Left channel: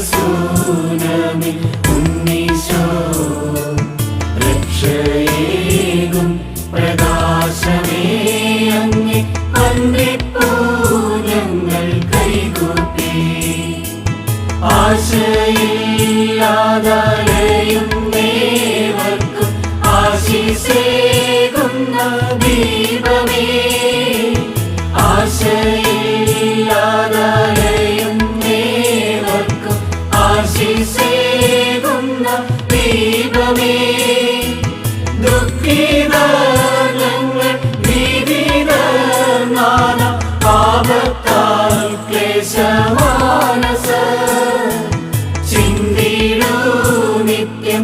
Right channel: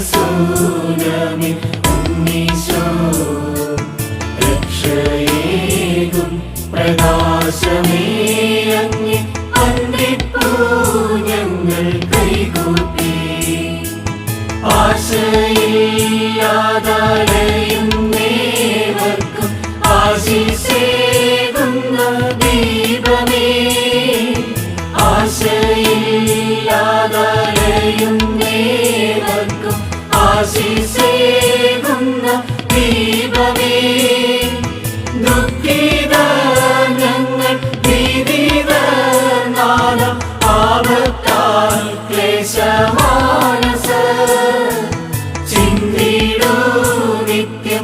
رسول من ചിന്തിടൂ നിത്യം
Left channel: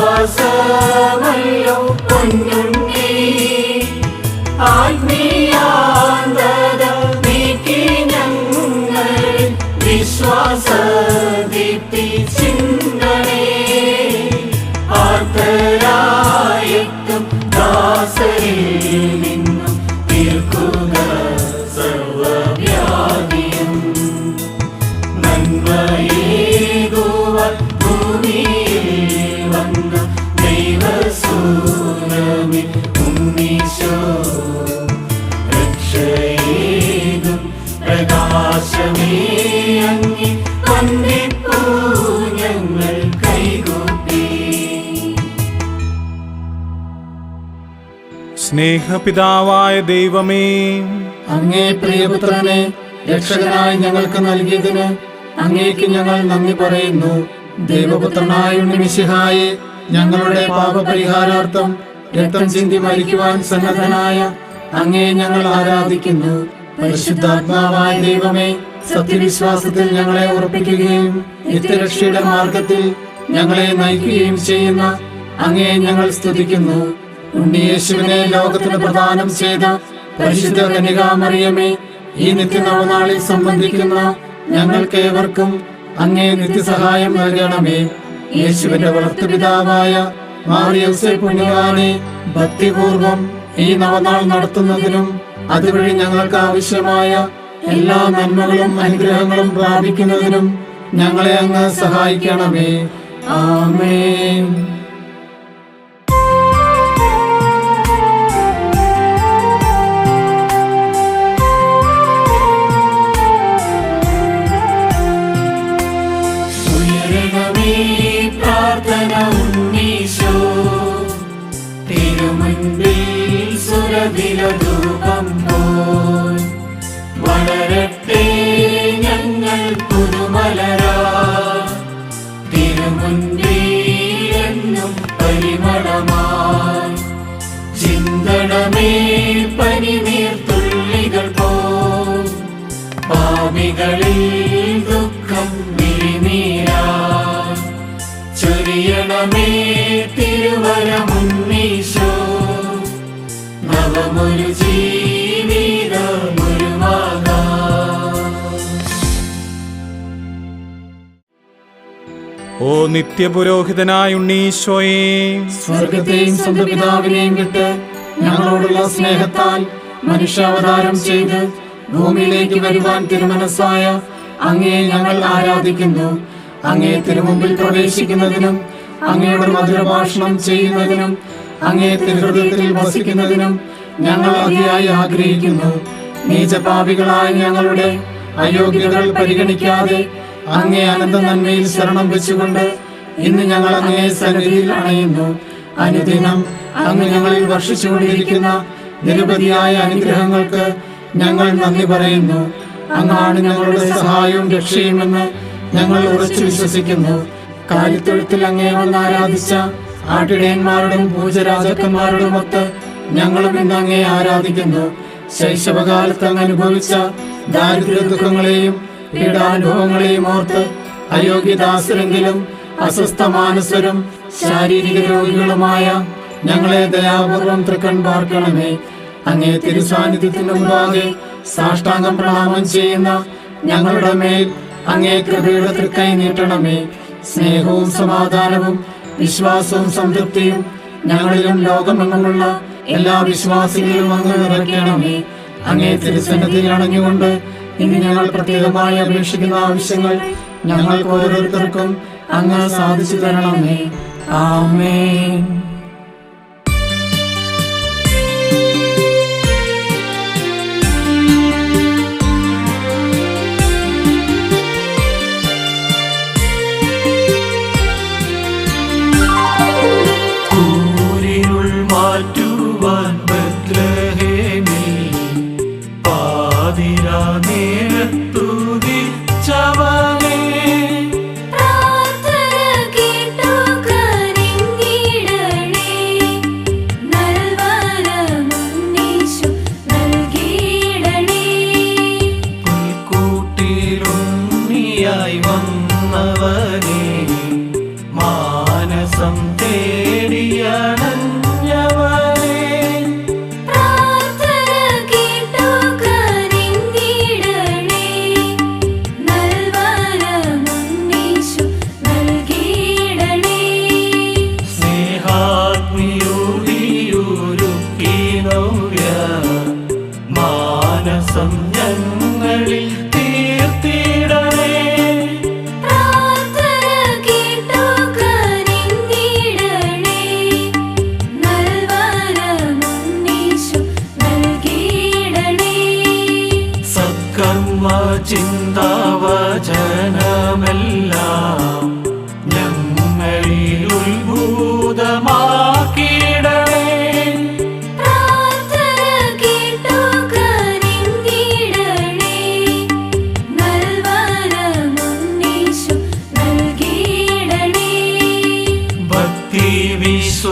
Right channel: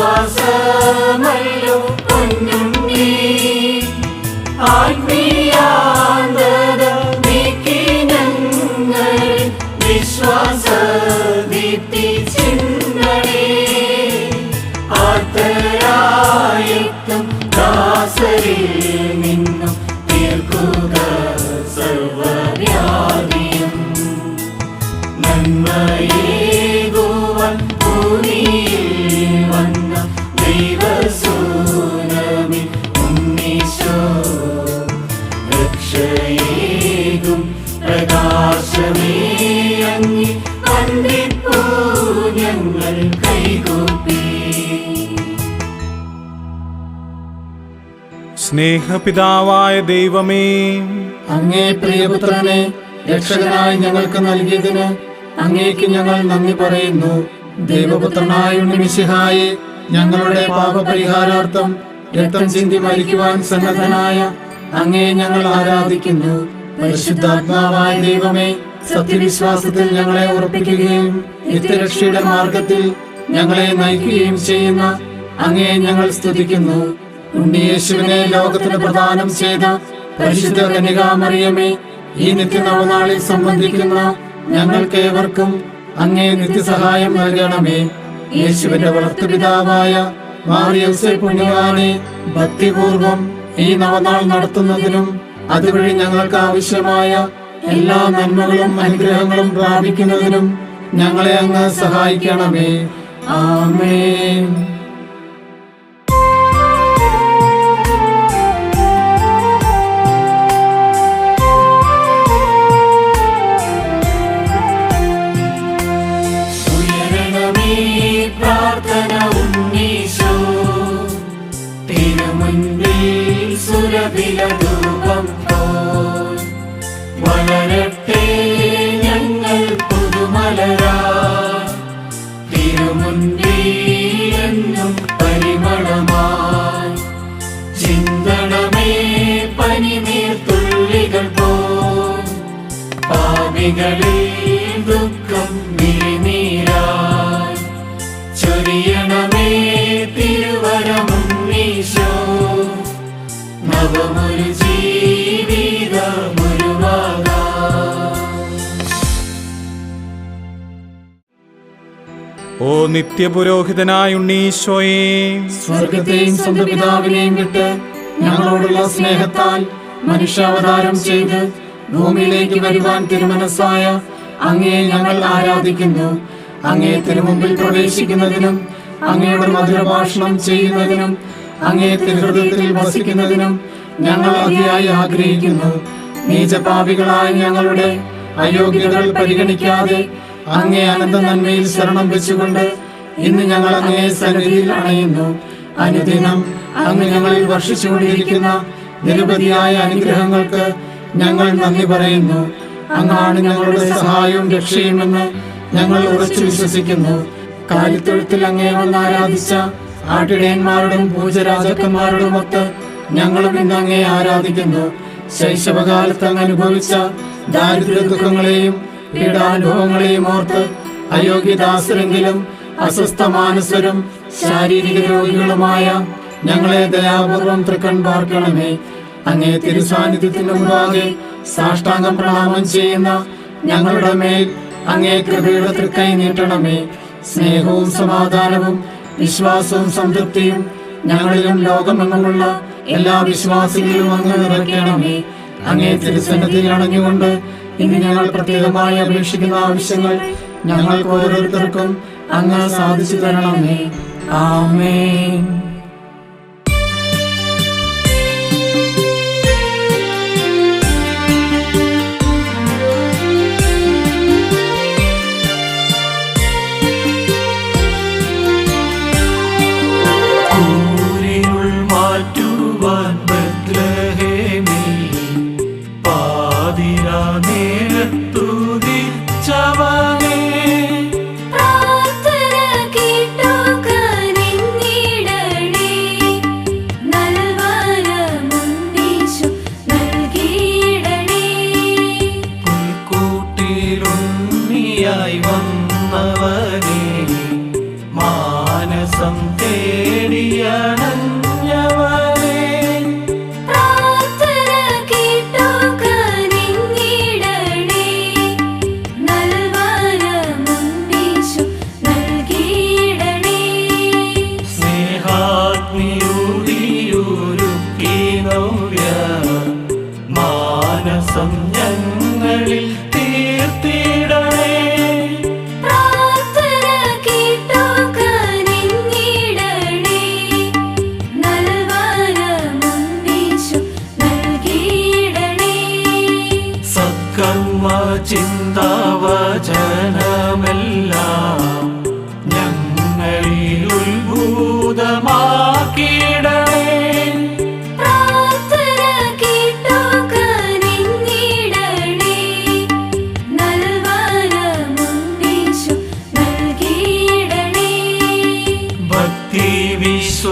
was സ്നേഹപിതാവായ ദൈവമേ. അങ്ങേ പ്രിയപുത്രനെ രക്ഷകനായി ഞങ്ങൾക്ക് നൽകിയതിന് അങ്ങേക്ക് ഞങ്ങൾ നന്ദി പറയുന്നു. ദൈവപുത്രനായ ഉണ്ണിമിശിഹായെ ഞങ്ങളുടെ പാപപരിഹാരാർത്ഥം രക്തം ചിന്തി മരിക്കുവാൻ സന്നദ്ധനായ അങ്ങേ ഞങ്ങൾ ആരാധിക്കുന്നു. പരിശുദ്ധാത്മാവായ ദൈവമേ സത്യവിശ്വാസത്തിൽ ഞങ്ങളെ ഉറപ്പിക്കുകയും നിത്യരക്ഷയുടെ മാർഗത്തിൽ ഞങ്ങളെ നയിക്കുകയും ചെയ്യുന്ന അങ്ങേ ഞങ്ങൾ സ്തുതിക്കുന്നു. ഉണ്ണിയേശുവിനെ ലോകത്തിന് പ്രദാനം ചെയ്ത പരിശുദ്ധ കനികാമറിയമേ ഈ നിത്യനവനാളിൽ സംബന്ധിക്കുന്ന ഞങ്ങൾക്ക് ഏവർക്കും അങ്ങേ നിത്യസഹായം നൽകണമേ. യേശുവിന്റെ വളർത്തുപിതാവായ മാറിയൗസെ പുണ്യവാനെ ഭക്തിപൂർവം ഈ നവനാൾ നടത്തുന്നതിനും അതുവഴി ഞങ്ങൾക്ക് ആവശ്യമായ എല്ലാ നന്മകളും അനുഗ്രഹങ്ങളും പ്രാപിക്കുന്നതിനും ഞങ്ങളെ അങ്ങ് സഹായിക്കണമേ. ആമേൻ. നിത്യപുരോഹിതനായ ഉണ്ണീശോയെ. സ്വർഗത്തെയും സ്വന്തം പിതാവിനെയും വിട്ട് ഞങ്ങളോടുള്ള സ്നേഹത്താൽ മനുഷ്യാവതാരം ചെയ്ത് ഭൂമിയിലേക്ക് വരുവാൻ തിരുമനസ്സായ അങ്ങയെ ഞങ്ങൾ ആരാധിക്കുന്നു. അങ്ങേ തിരുമുമ്പിൽ പ്രവേശിക്കുന്നതിനും അങ്ങയുടെ മധുരഭാഷണം ചെയ്യുന്നതിനും അങ്ങേ തിരുഹൃദയത്തിൽ വസിക്കുന്നതിനും ഞങ്ങൾ അതിയായി ആഗ്രഹിക്കുന്നു. നീചപാപികളായ ഞങ്ങളുടെ അയോഗ്യതകൾ പരിഗണിക്കാതെ അങ്ങേ അനന്ത നന്മയിൽ ശരണം വെച്ചുകൊണ്ട് ഇന്ന് ഞങ്ങൾ അങ്ങേ സന്നിധിയിൽ അണയുന്നു. അനുദിനം അങ്ങ് ഞങ്ങളിൽ വർഷിച്ചുകൊണ്ടിരിക്കുന്ന നിരവധിയായ അനുഗ്രഹങ്ങൾക്ക് ഞങ്ങൾ നന്ദി പറയുന്നു. അങ്ങാണ് ഞങ്ങളുടെ സഹായവും രക്ഷയുമെന്ന് ഞങ്ങൾ ഉറച്ചു വിശ്വസിക്കുന്നു. കാലിത്തൊഴുത്തിൽ അങ്ങേ വന്ന് ആരാധിച്ച ആട്ടിടയന്മാരോടും പൂജരാജക്കന്മാരുടെ ഒത്ത് ഞങ്ങളും ഇന്ന് അങ്ങേ ആരാധിക്കുന്നു. ശൈശവകാലത്ത് അങ്ങ് അനുഭവിച്ച ദാരിദ്ര്യ ദുഃഖങ്ങളെയും പീഡാനുഭവങ്ങളെയും ഓർത്ത് അയോഗ്യദാസരെങ്കിലും അസ്വസ്ഥ മാനസരും ശാരീരിക രോഗികളുമായ ഞങ്ങളെ ദയാപൂർവം തൃക്കൺ പാർക്കണമേ അങ്ങേ തിരുസാന്നിധ്യത്തിന് മുമ്പാകെ സാഷ്ടാംഗം പ്രണാമം ചെയ്യുന്ന ഞങ്ങളുടെ മേൽ അങ്ങേ കൃപയുടെ തൃക്കൈ നീട്ടണമേ. സ്നേഹവും സമാധാനവും വിശ്വാസവും സംതൃപ്തിയും ഞങ്ങളിലും ലോകമെങ്ങുമുള്ള എല്ലാ വിശ്വാസികളിലും അങ്ങ് നിറയ്ക്കണമേ. അങ്ങേ തിരുസന്നിധിയിൽ അണഞ്ഞുകൊണ്ട് ഇന്ന് ഞങ്ങൾ പ്രത്യേകമായി അപേക്ഷിക്കുന്ന ആവശ്യങ്ങൾ ഞങ്ങൾക്ക് ഓരോരുത്തർക്കും അങ്ങ് സാധിച്ചു തരണമേ. ആമേൻ. ഞങ്ങളിൽ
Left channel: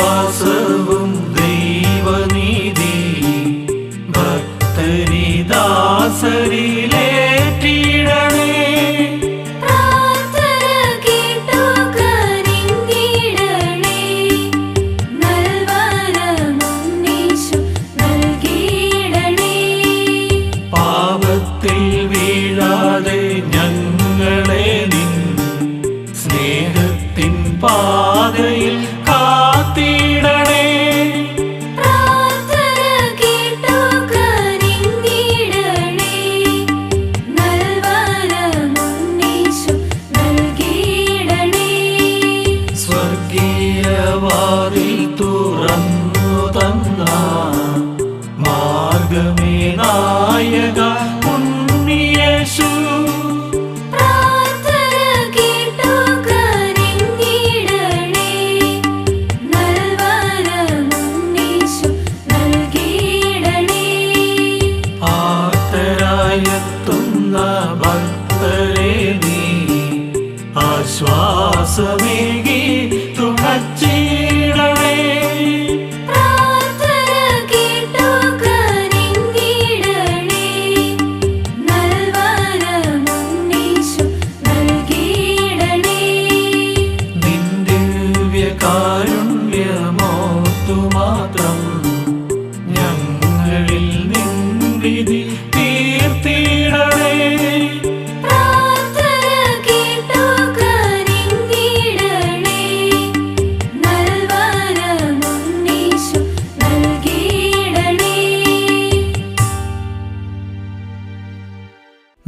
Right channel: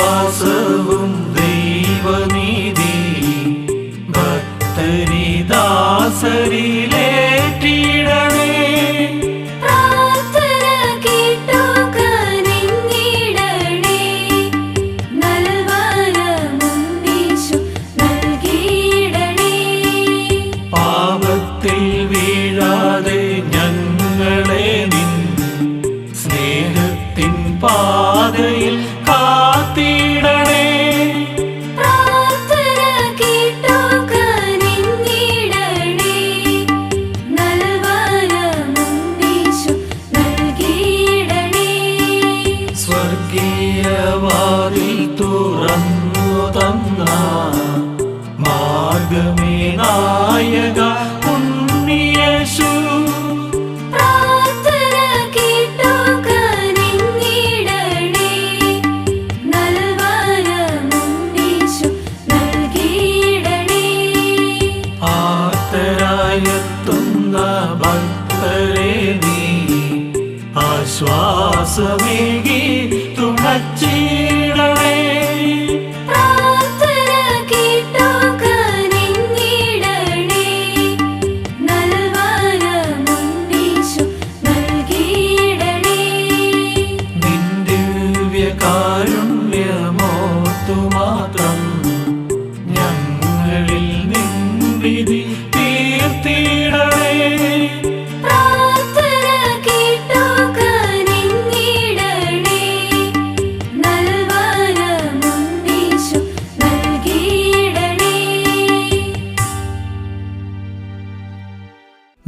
വിശ്വാസവും ദൈവനീതി ഭക്തരിദാസരിലേറ്റിടണേ you.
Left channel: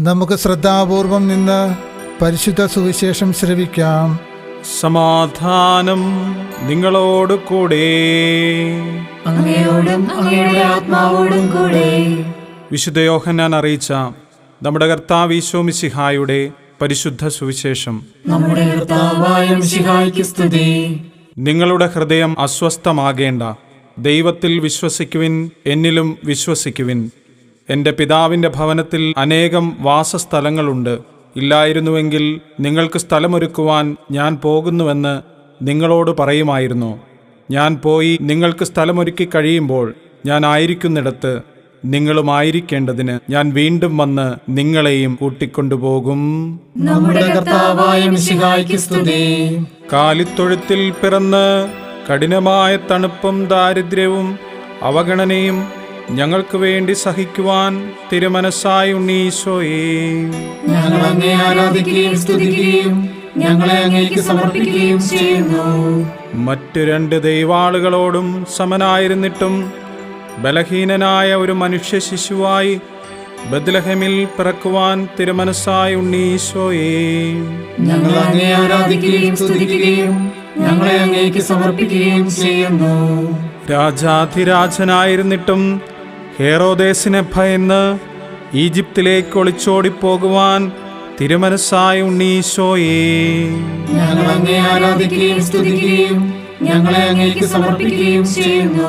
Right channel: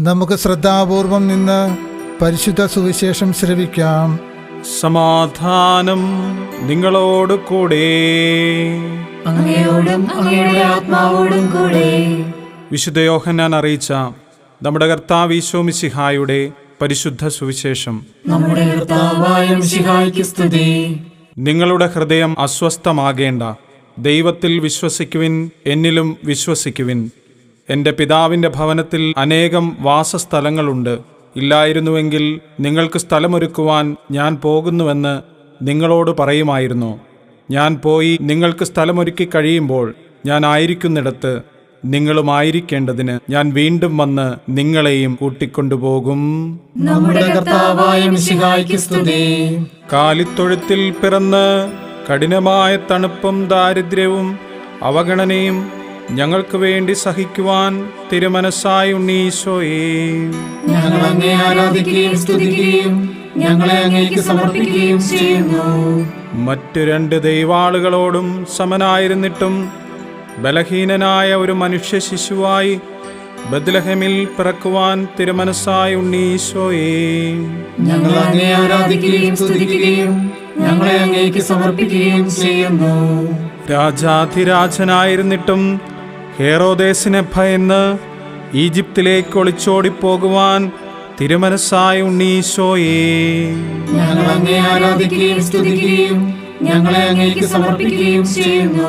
നമുക്ക് ശ്രദ്ധാപൂർവം നിന്ന് പരിശുദ്ധ സുവിശേഷം ശ്രവിക്കാം. സമാധാനം നിങ്ങളോട് കൂടെ. അങ്ങയോടും അങ്ങയുടെ ആത്മാവോടും കൂടെ. വിശുദ്ധ യോഹന്നാൻ അറിയിച്ച നമ്മുടെ കർത്താവ് ഈശോ മിശിഹായുടെ പരിശുദ്ധ സുവിശേഷം. നമ്മുടെ കർത്താവായ മിശിഹായ്ക്ക് സ്തുതി. നിങ്ങളുടെ ഹൃദയം അസ്വസ്ഥമാകേണ്ട. ദൈവത്തിൽ വിശ്വസിക്കുവിൻ എന്നിലും വിശ്വസിക്കുവിൻ. എന്റെ പിതാവിന്റെ ഭവനത്തിൽ അനേകം വാസസ്ഥലങ്ങളുണ്ട്. ഇല്ലായിരുന്നുവെങ്കിൽ നിങ്ങൾക്ക് സ്ഥലമൊരുക്കുവാൻ ഞാൻ പോകുന്നുവെന്ന് നിങ്ങളോട് പറയുമായിരുന്നു. ഞാൻ പോയി നിങ്ങൾക്ക് സ്ഥലമൊരുക്കി കഴിയുമ്പോൾ ഞാൻ ആയിരിക്കുന്നിടത്ത് നിങ്ങളുമായിരിക്കേണ്ടതിന് ഞാൻ വീണ്ടും വന്ന് നിങ്ങളെയും കൂട്ടിക്കൊണ്ടുപോകും. നമ്മുടെ കർത്താവായ കാലിത്തൊഴുത്തിൽ പിറന്ന് കഠിനമായ തണുപ്പും ദാരിദ്ര്യവും അവഗണനയും ഞങ്ങൾക്ക് വേണ്ടി സഹിക്കുവാൻ തിരുമനസ്സായി ഉണ്ണീശോയേ. ഞങ്ങൾ അങ്ങേ ആരാധിക്കുകയും സ്തുതിക്കുകയും ഞങ്ങളെ അങ്ങേക്ക് സമർപ്പിക്കുകയും ചെയ്യുന്നു. മറ്റു രണ്ട് ദൈവാളുകളോടും സമനായിരുന്നിട്ടും ബലഹീനനായ ഒരു മനുഷ്യ ശിശുവായി ബദ്ലഹമിൽ പിറക്കുവാൻ തിരുമനസ്സായി ഉണ്ണീശോയേ. ഞങ്ങൾ അങ്ങേ ആരാധിക്കുകയും സ്തുതിക്കുകയും ഞങ്ങളെ അങ്ങേക്ക് സമർപ്പിക്കുകയും ചെയ്യുന്നു. രാജാധിരാജനായിരുന്നിട്ടും ഹേറോദേസിനെ ഭയന്ന് ഈജിപ്തിലേക്ക് ഒളിച്ചോടിപ്പോകുവാൻ തിരുമനസ്സായ ഉണ്ണീശോയേ ഞങ്ങൾ അങ്ങേ ആരാധിക്കുകയും സ്തുതിക്കുകയും ഞങ്ങളെ അങ്ങേക്ക് സമർപ്പിക്കുകയും ചെയ്യുന്നു.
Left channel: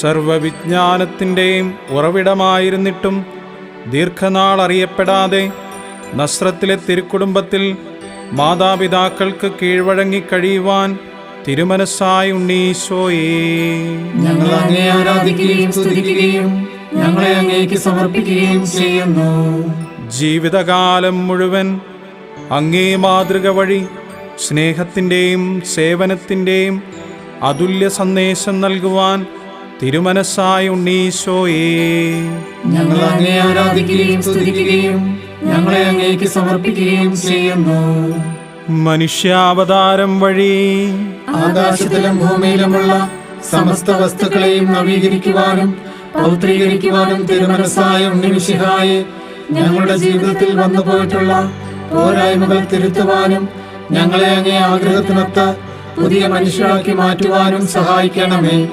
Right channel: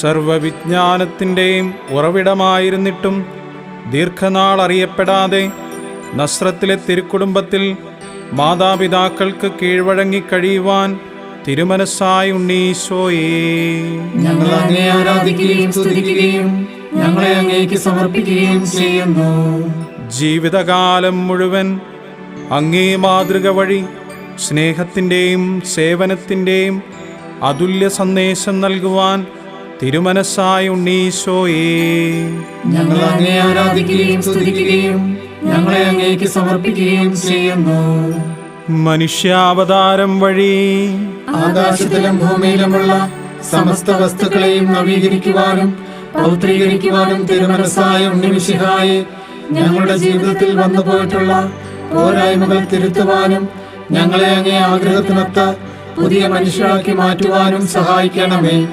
സർവവിജ്ഞാനത്തിന്റെയും ഉറവിടമായിരുന്നിട്ടും ദീർഘനാൾ അറിയപ്പെടാതെ നസ്രത്തിലെ തിരുക്കുടുംബത്തിൽ മാതാപിതാക്കൾക്ക് കീഴ്വഴങ്ങി കഴിയുവാൻ തിരുമനസ്സായ ഉണ്ണീശോയേ. ഞങ്ങൾ അങ്ങേ ആരാധിക്കുകയും സ്തുതിക്കുകയും ഞങ്ങളെ അങ്ങേക്ക് സമർപ്പിക്കുകയും ചെയ്യുന്നു. ജീവിതകാലം മുഴുവൻ അങ്ങേ മാതൃക വഴി സ്നേഹത്തിന്റെയും സേവനത്തിന്റെയും അതുല്യ സന്ദേശം നൽകുവാൻ തിരുമനസ്സായ ഉണ്ണീശോയേ. ഞങ്ങൾ അങ്ങേ ആരാധിക്കുകയും സ്തുതിക്കുകയും ഞങ്ങളെ അങ്ങേക്ക് സമർപ്പിക്കുകയും ചെയ്യുന്നു. മനുഷ്യാവതാരം വഴി ആകാശത്തിലും ഭൂമിയിലുമുള്ള സമസ്ത വസ്തുക്കളെയും നവീകരിക്കുവാനും പൗത്രീകരിക്കുവാനും തിരുമനസ്സായ ഉണ്ണിമിശിഹായെ ഞങ്ങളുടെ ജീവിതത്തിൽ വന്നു പോയിട്ടുള്ള പോരായ്മകൾ തിരുത്തുവാനും ഞങ്ങളെ അങ്ങേ ആഗ്രഹത്തിനൊത്ത പുതിയ മനുഷ്യരാക്കി മാറ്റുവാനും സഹായിക്കണമേ.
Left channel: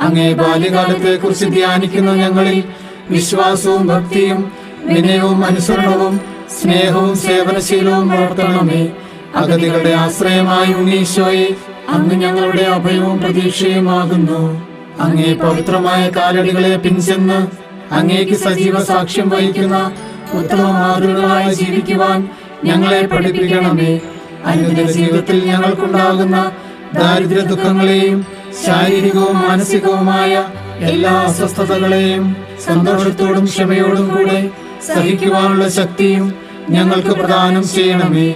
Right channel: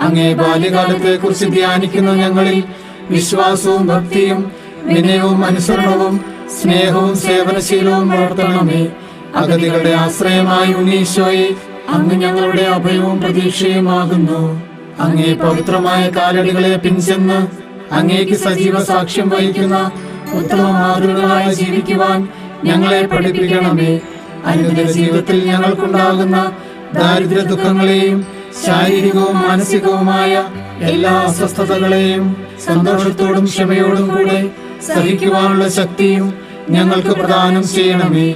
അങ്ങേ ബാല്യകാലത്തെ കുറിച്ച് ധ്യാനിക്കുന്ന ഞങ്ങളിൽ വിശ്വാസവും ഭക്തിയും വിനയവും അനുസരണവും സ്നേഹവും സേവനശീലവും വളർത്തണമേ. അഗതികളുടെ ആശ്രയമായി ഉണ്ണീശോയെ അങ്ങ് ഞങ്ങളുടെ അഭയവും പ്രതീക്ഷയുമാകുന്നു. അങ്ങേ പവിത്രമായ കാലടികളെ പിൻചെന്ന് അങ്ങേക്ക് സജീവ സാക്ഷ്യം വഹിക്കുന്ന ഉത്തമ മാതൃകളായി ജീവിക്കുവാൻ ഞങ്ങളെ പഠിപ്പിക്കണമേ. അനുദിന ജീവിതത്തിൽ ഞങ്ങൾക്കുണ്ടാകുന്ന ദാരിദ്ര്യ ദുഃഖങ്ങളെയും ശാരീരികവും മാനസികവുമായ എല്ലാ അസ്വസ്ഥതകളെയും സന്തോഷത്തോടും ക്ഷമയോടും കൂടെ സഹിക്കുവാനുള്ള ശക്തിയും ഞങ്ങൾക്ക് പ്രദാനം ചെയ്യണമേ.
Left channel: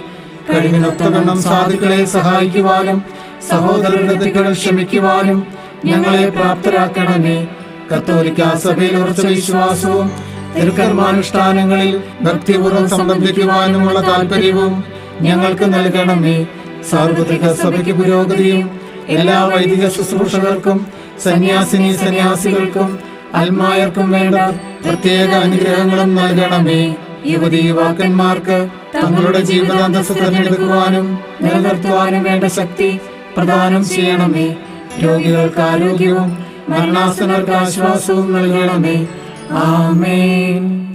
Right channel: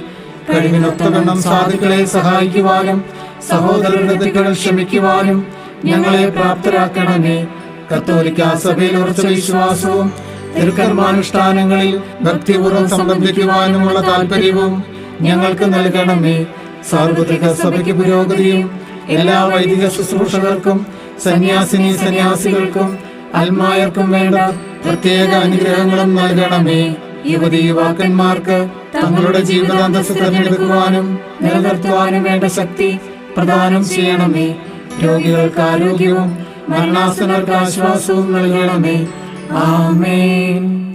കഴിവിനൊത്തവണ്ണം സാധുക്കളെ സഹായിക്കുവാനും സഹോദരരുടെ തെറ്റുകൾ ക്ഷമിക്കുവാനും ഞങ്ങളെ പ്രാപ്തരാക്കണമേ. കത്തോലിക്ക സഭയിൽ ഉറച്ച വിശ്വാസവും തിരുക്കർമാനുഷ്ഠാനങ്ങളിൽ ഭക്തിപൂർവം സംബന്ധിക്കുവാനുമുള്ള താല്പര്യവും ഞങ്ങൾക്ക് നൽകണമേ. സാർവത്രിക സഭയ്ക്ക് പുരോഗതിയും എല്ലാ വൈദിക ശുശ്രൂഷകർക്കും സന്യാസിനി സന്യാസികൾക്കും അൽമായർക്കും വേണ്ട പ്രത്യേക അനുഗ്രഹങ്ങളും നൽകണമേ. യുവതി യുവാക്കന്മാർക്ക് തങ്ങളുടെ ജീവിതാന്തസ് തിരഞ്ഞെടുക്കുവാനും നിലനിർത്തുവാനും വേണ്ട ശക്തി പ്രദാനം ചെയ്യണമേ. രോഗികൾക്ക് ആരോഗ്യവും മരണാസനർക്ക് ആശ്വാസവും നൽകണമേ. ആമേൻ.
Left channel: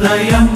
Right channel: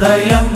പ്രാർത്ഥന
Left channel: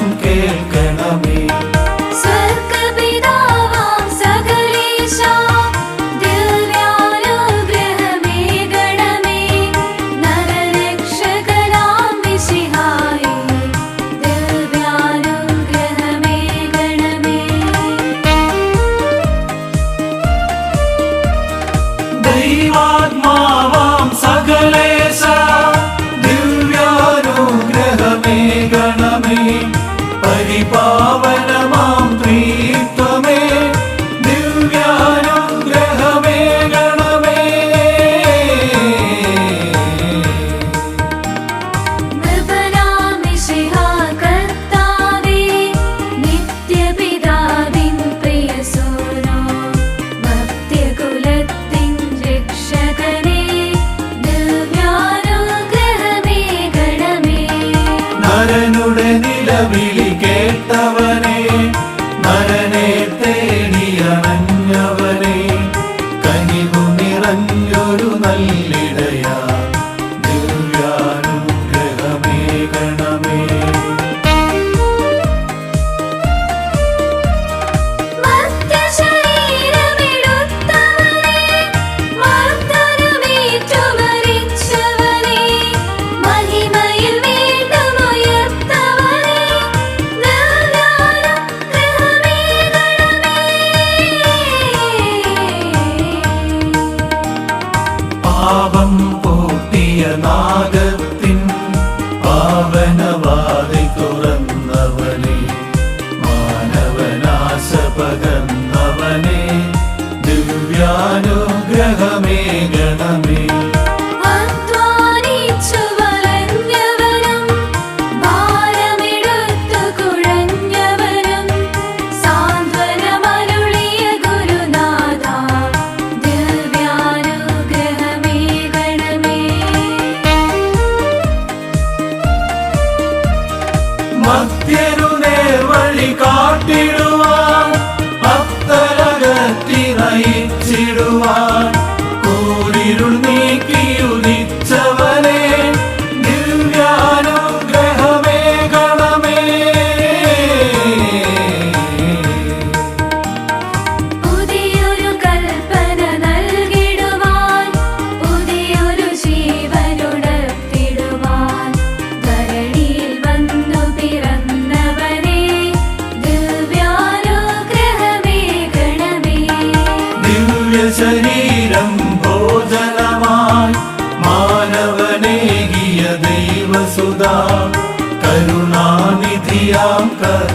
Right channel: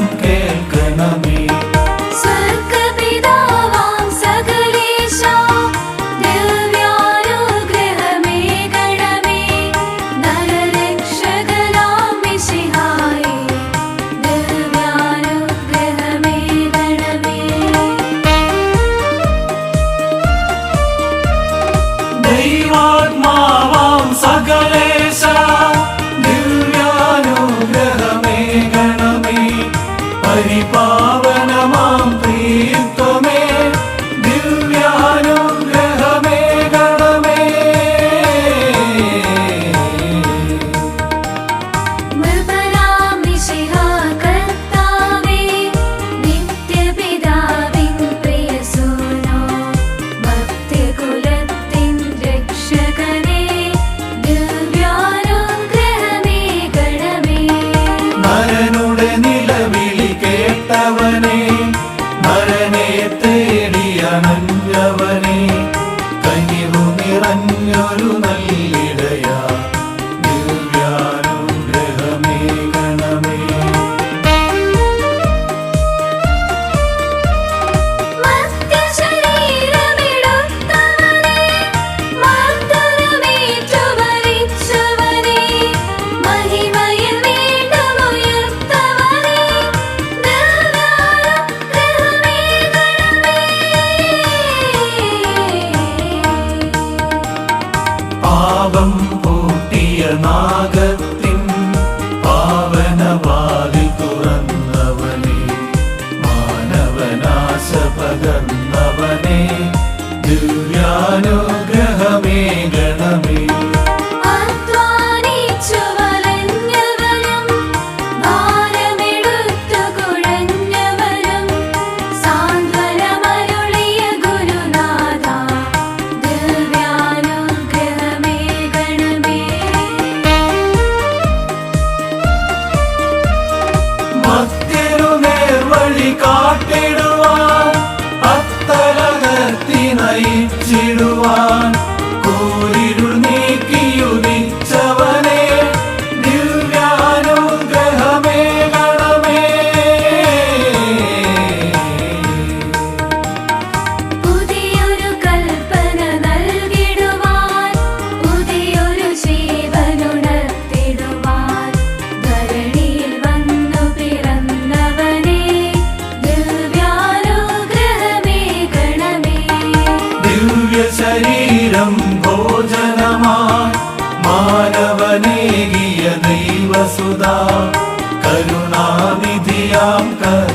God.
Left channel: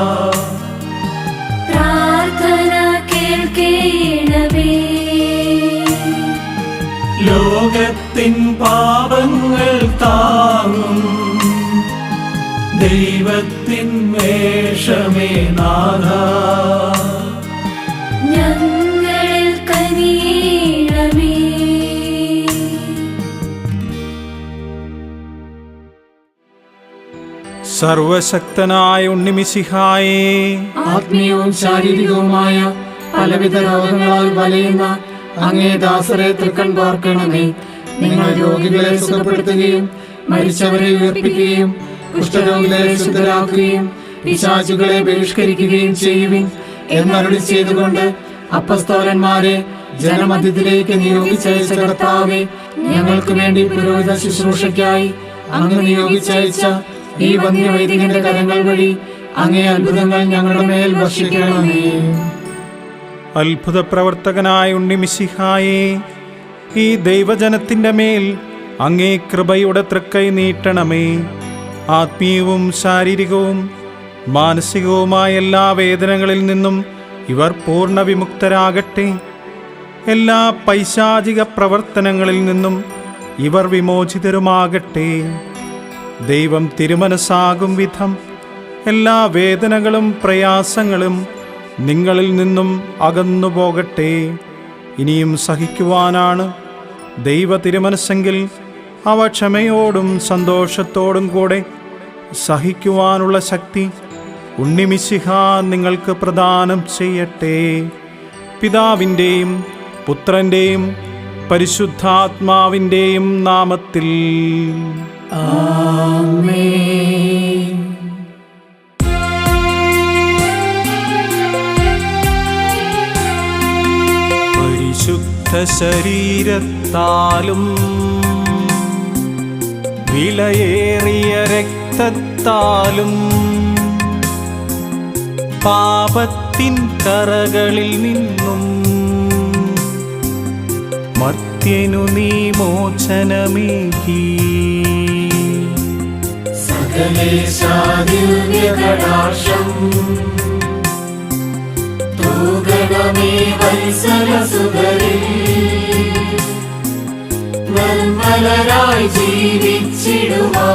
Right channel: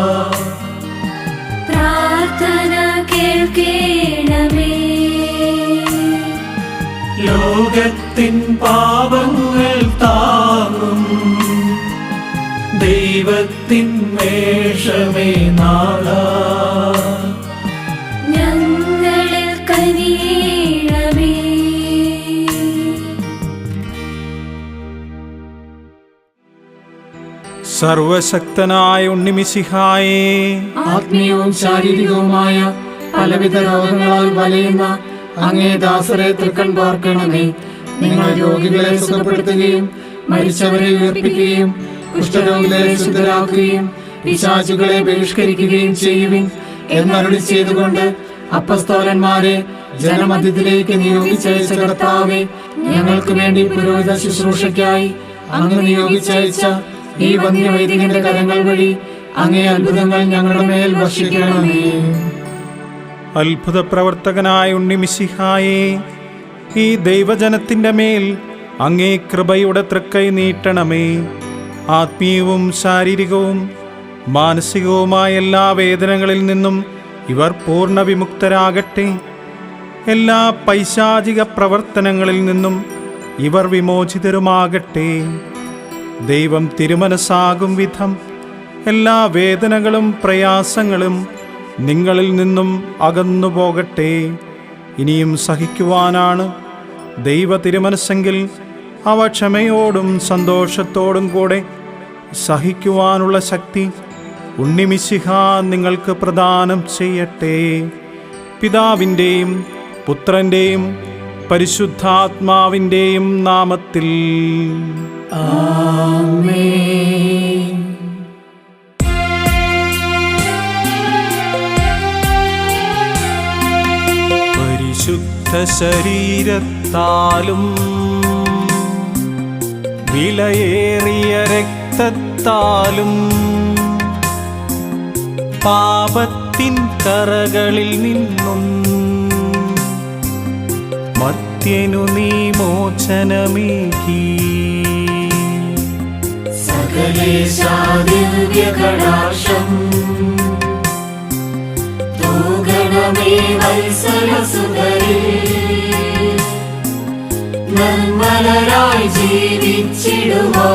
സർവശക്തനായ ഉണ്ണിമിസിഹായേ ആത്മീയവും ശാരീരികവുമായ പലവിധ രോഗങ്ങളാൽ വലയുന്ന അങ്ങേ ദാസരെ തൃക്കൺ പാർക്കണമേ. നിങ്ങൾ രോഗികളെ സുഖപ്പെടുത്തുകയും മരിച്ചവരെ ഉയർപ്പിക്കുകയും കുഷ്ഠരോഗികളെ ശുദ്ധരാക്കുകയും പിശാചുകളെ ബഹിഷ്കരിക്കുകയും ചെയ്യുവിൻ എന്നരുളി ചെയ്തുകൊണ്ട് അപ്പസ്തോലന്മാരെ ജനമധ്യത്തിലേക്ക് നിയോഗിച്ചയച്ച കർത്താവെ ഞങ്ങൾക്ക് വേണ്ടി പുരോഹിത ശുശ്രൂഷയ്ക്കായി അങ്ങ് നിയോഗിച്ചയച്ച ഈ വന്യവൈദികന്റെ കരങ്ങൾ വഴി അങ്ങേ അത്ഭുതങ്ങൾ ഞങ്ങളുടെ മേൽ വർഷിക്കണമേ. അത്ഭുത പ്രവർത്തകനായ ഉണ്ണിമിശിഹായേ ഈ ദൈവജനത്തിന്റെ മേൽ അങ്ങേ കൃപയുടെ തൃക്കൈ നീട്ടണമേ. ആത്മീയവും ശാരീരികവും മാനസികവുമായ എല്ലാ വേദനകളിൽ നിന്നും ഇവർ പൂർണ വിമുക്തരാകട്ടെ എല്ലാ പൈശാചിക പ്രവർത്തനങ്ങളിൽ നിന്നും ഇവർ വിമോചിതരുമാകട്ടെ. ദൈവം തിരുമനസ്സാകും വിധം. എല്ലാ വേദനകളും പ്രയാസങ്ങളും നിങ്ങളിൽ നിന്നും അകന്നു പോകട്ടെ. ഇനിയും സഹിക്കുവാനാണ് ദൈവ തിരുമനസ്സെങ്കിൽ അവ ക്ഷമയോടും സന്തോഷത്തോടും കൂടെ സഹിക്കുവാനുള്ള ശക്തി ഉണ്ണിമിശിഹ നിങ്ങൾക്ക് പ്രദാനം ചെയ്യട്ടെ. പിതാവിന്റെയും പുത്രന്റെയും പരിശുദ്ധാത്മാവിന്റെയും നാമത്തിൽ പരിശുദ്ധ ശരീരത്താലും വിലയേറിയ രക്തത്താലും പാപത്തിൻ കറകളിൽ നിന്നും മർത്യനു നീ മോചനമേകി ദിവ്യകടാക്ഷം തൂഗണമേ വത്സരസുതരി നന്മലരായി ജീവിച്ചിടുവാ.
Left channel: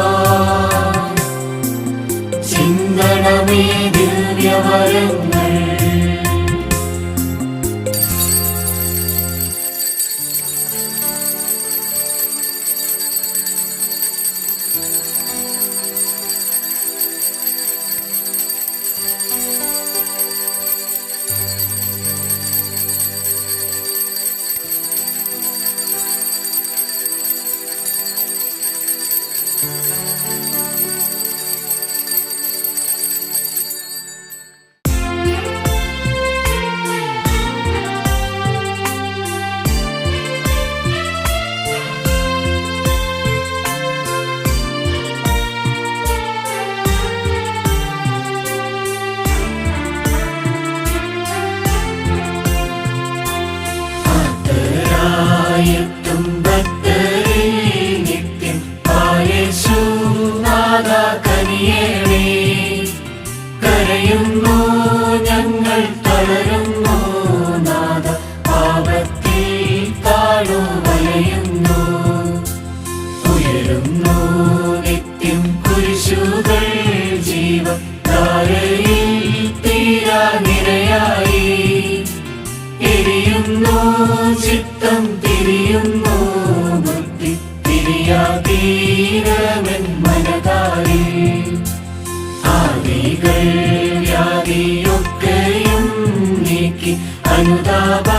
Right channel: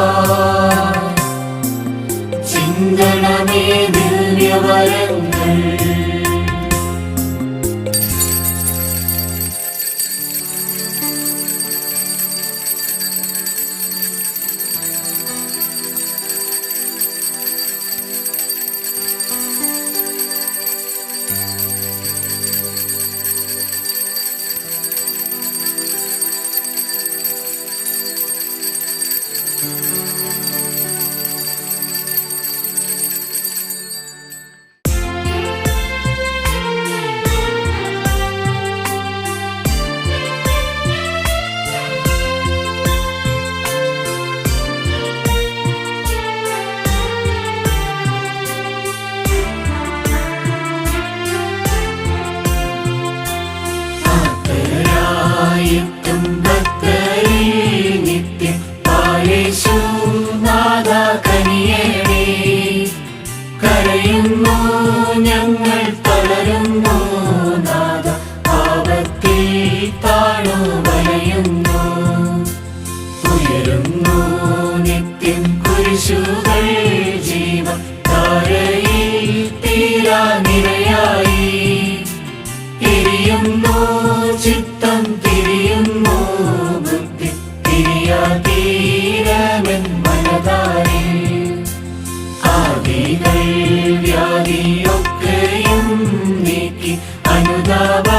ചിന്തണമേ ദിവ്യവരങ്ങൾ കരുതാവാ